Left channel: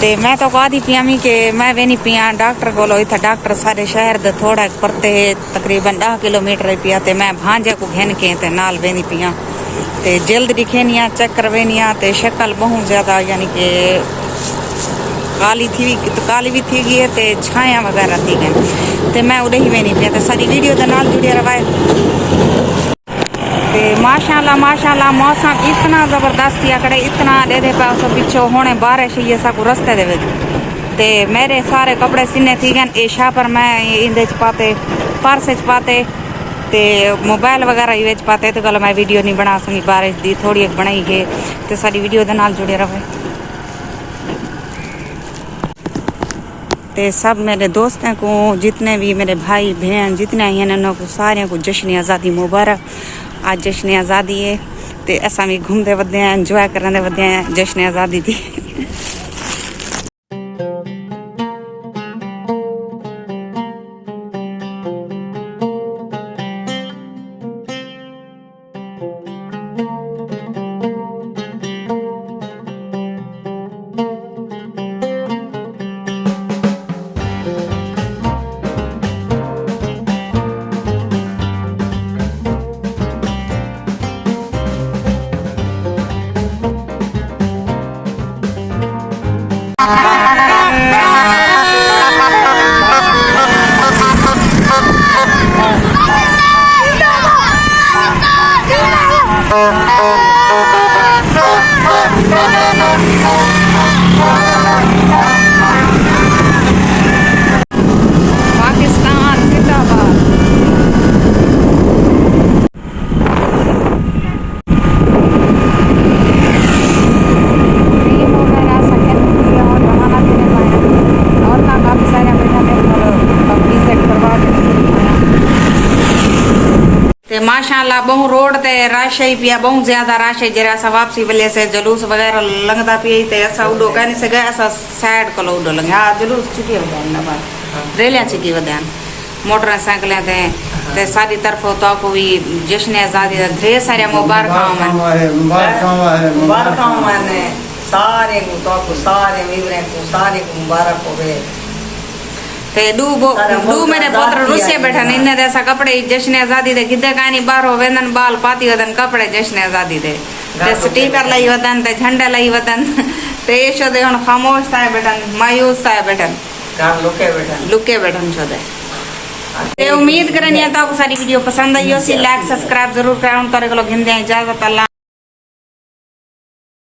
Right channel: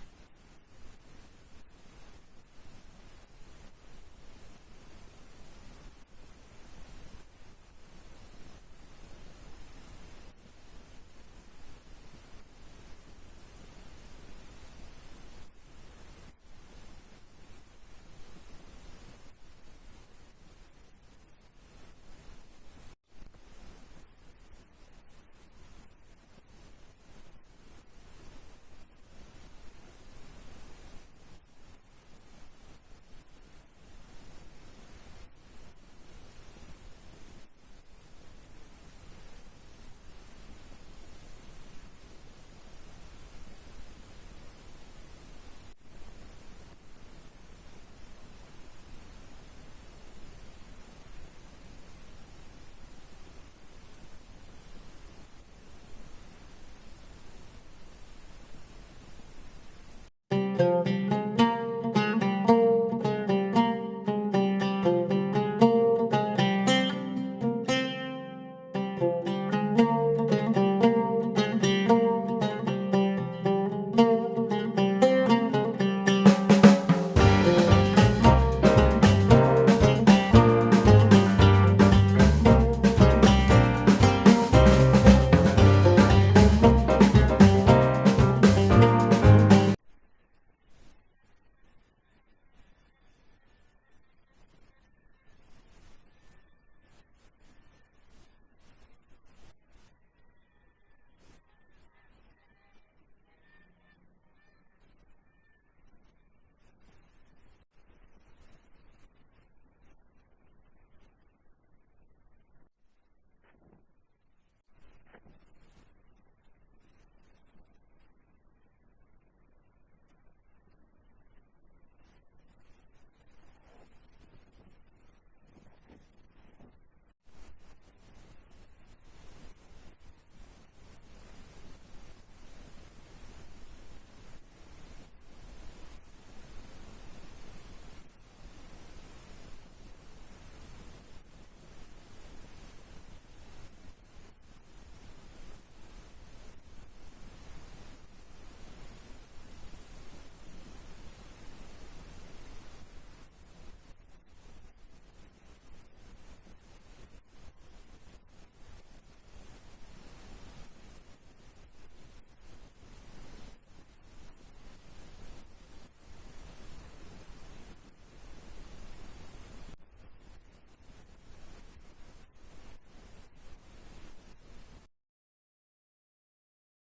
ते मैं तो कहा दी पिया मी कि मैं वे नहीं पिया डॉक्टर कोलो इतना डॉक्टर सारे शहर दे थोड़ा परते तकरीबन 10 किलोमीटर पिया ते मैं भांजे को घेन के ते नाल वे नहीं पिया ते जल्द दिखेनिया चेक करवेनिया ते शक्ल बहुत ज्यादा यानी कि काली थी तो काली भी थी गई है ते छाया वगैरह थी गई ते मैं उड़े ही वे नहीं पिया ते सारी वीडियो दे नाल जुड़े रवाए ते माशाल्लाह मौसम इतना जबरदस्त या करे इतना दे पास पिछो होने बारिश ये सब रस्ते दे ते मेरे सारे कपड़े सीने थी गए ऐशा पर मैं इंदे च पाते पर्स च पाते ते मोबाइल वगैरह ही वेच पाते तो कल मैं वीडियो नहीं बना सकी बारिश दी थोड़ी बनाई है तो सारी वीडियो दे नाल जुड़े रहे ते सब मेरे दोस्तों को जितने भी मेरे भाई बहन जितने हैं उन्होंने को सारे को जश्न आज़ादी मुबारक। आज जश्न आज़ादी है ते असा भी घूमते वधे हैं एंजॉय करने वधे हैं जश्न आज़ादी दी। माशाल्लाह बहु रोड ते रश ही पिया बहुत ज्यादा रश है जरा सा वापसी वाले से जुलूस वगैरह लंघदा पिया ते असा उडो कहने से गए असा साइड को उडो लंघे हां जुलूस चिकी वदान ना बात रेलियां चिकी वदान मोटरसाइकिलें ते सारी तरफ तो को भी जश्न आज़ादी दा ढेर सारे मुबारकां मन सारे को तो को सारे वीवरे को सारे को मुबारक होवे ते डू मेरे पुत्र रुसे बैठन इन्ने ऐसा कपड़े जश्न आज़ादी दे किदे कानी बाहरो वेंदन बाल पाती वदन कपड़े जश्न आज़ादी दे ते स्टिकर लाई वदन ते झंडा लाई वदन ते शो दे हुन खामोश थाए बैठन मायूस थाए बैठन काम लुके बैठन छो दे ते उम्मीद करनी है तो सारी वीडियो पसंद आई हो सी लाइक सब्सक्राइब जरूर करन तोरे को घिंदे इजाजत अल्लाह।